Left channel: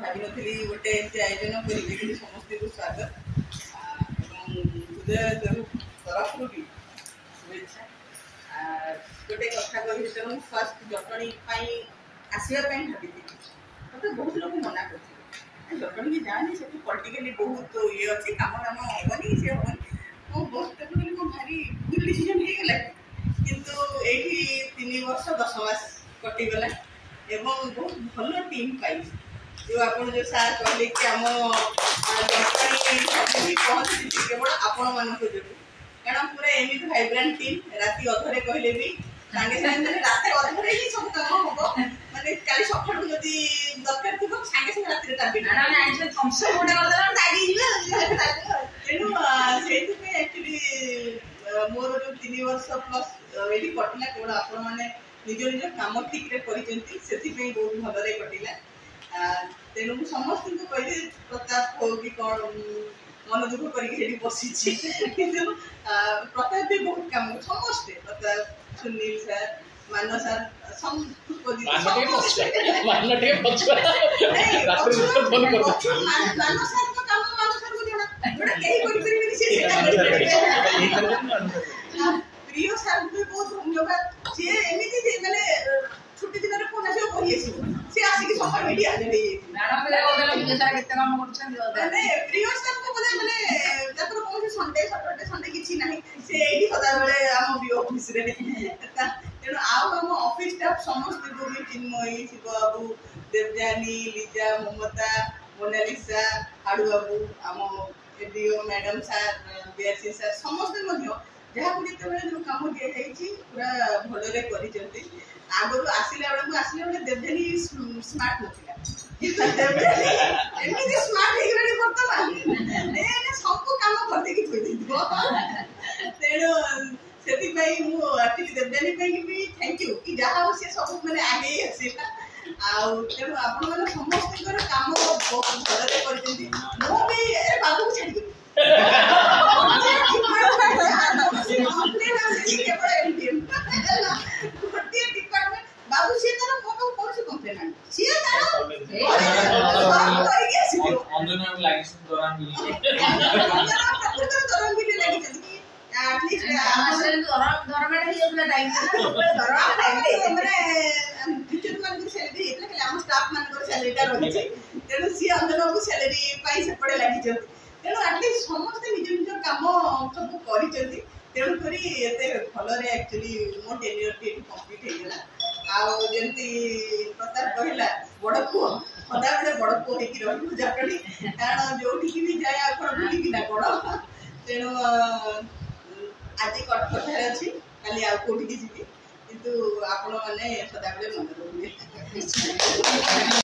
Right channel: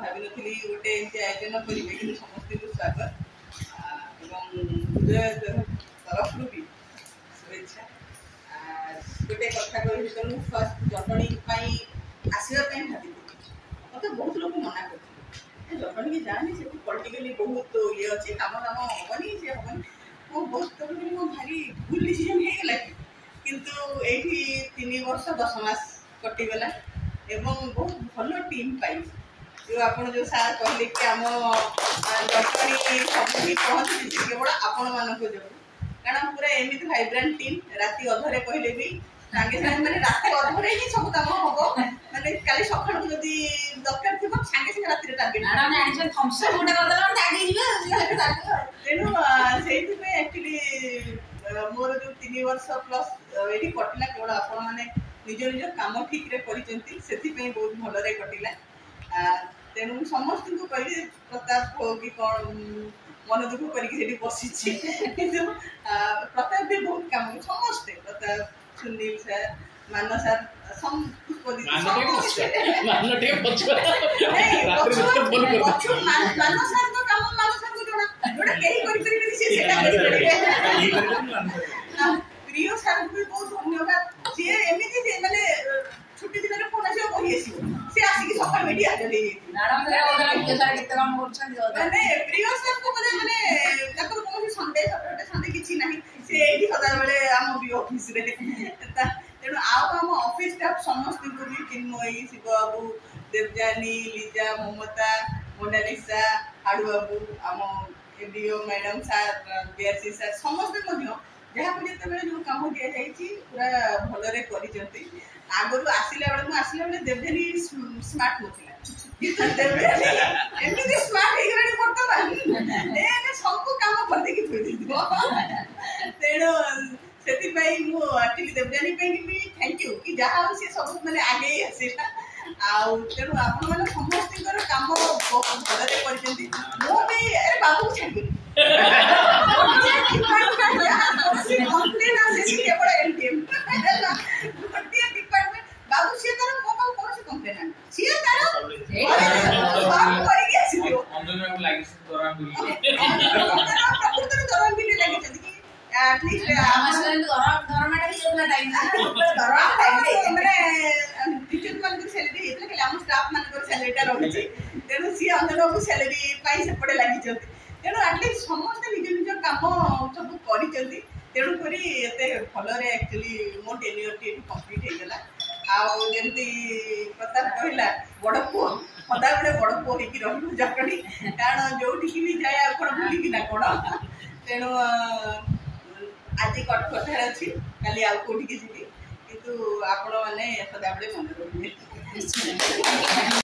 भावी नी गोटे एमती आयोजन करेंगे कि समस्त को स्वागत हृदय तरफ भी शुभेच्छा गोटे कथा कही तो मुझे फर्स्ट जटणी आसवाई भावी मत बहुत लोग मना कर जटणी की जानी से पॉलिटिकली बहुत ये अच्छी कम दाम हेनी सी हेनी मो बहुत कहली मो भारी भूल डिसीजन होगा किंतु ये 3 वर्ष 10 मास कटिगला एवं बहुत भल टीम पाई जो आप जो सार कहले कि आम जटणी सब पहुँची केवल आपण मान जो कारण पूरा एमती भाइब्रांट टीम राति अधरे कहले भी सांगे सांगे मैंने रात अधरे ही सब कम हम माने काली सकाळ जदि दरकार थी सांगे सांगे राति टार्गेट थम्सअप गोटे तेणु से एक्चुअली मोर जो 3 वर्ष प्लस ये कटिला केवल आपण मैंने निज निज कम ठीक रे करिसेंती सेति पे बहुत भलरे कटिला तेणु समस्त को कहली प्रताप हो कि कौन मन दुख करके बसी प्रताप भी बहुत कम समस्ते प्रताप सुनील सर मान सर प्रिय सर भी बहुत धन्यवाद सी एमती माने छुट्टी दिन फोन आस सी आसिक सकाल मीडिया माने प्रिय सर को माने कौन संडे सैटरडे संडे किसी ना से सदा बेले आम बी ऑफिस रे तेणु आम ऑफिस स्टाफ समस्त को भी चिन्मयी शिव बाबू देवजानी लीजा ममता मोनालिसा हाड़ू बाबू आम ADO madam sir BRC sir समस्त जहाँ को जिते जो कम दि जाइए पूरा भलरे कर आगु आसला बेले देवजानी स्मार्ट नाला किंतु देवजानी एमती स्मार्ट हो बर्तमान सब कम करदे तेणु से एक्चुअली देवजानी भी थैंक यू कि जहाँ हो सी सब मैंने आगे आसला तेणु आपण समस्त कम बहुत भलरे कर बाबू को छाड़ी गोटे डिपार्टमेंट बाबू सी तार मो पास कौन कंप्लेन सी दौरान भी लगी एटलिस्ट टीचर मान सैलरी होता है स्टाफ मान सैलरीटा रही तेणु सी अंदर को सैलरी सेपटे लगी तेणु एटलिस्ट समस्ते निज निज कम सब कर तेणुक भलरे एक्चुअली मो टेन्योर कम्प्लीट होगला आमती प्रताप कहला बड़ पुओ सदा बेले बड़ पुओ हो जटणी कारण जो भी जाए कौन भूलिकिना कौन तेणु आज कटकटार अच्छी काली आउ कौटिकी जी किंतु आपण मैंने सदा बेले मन रखिए।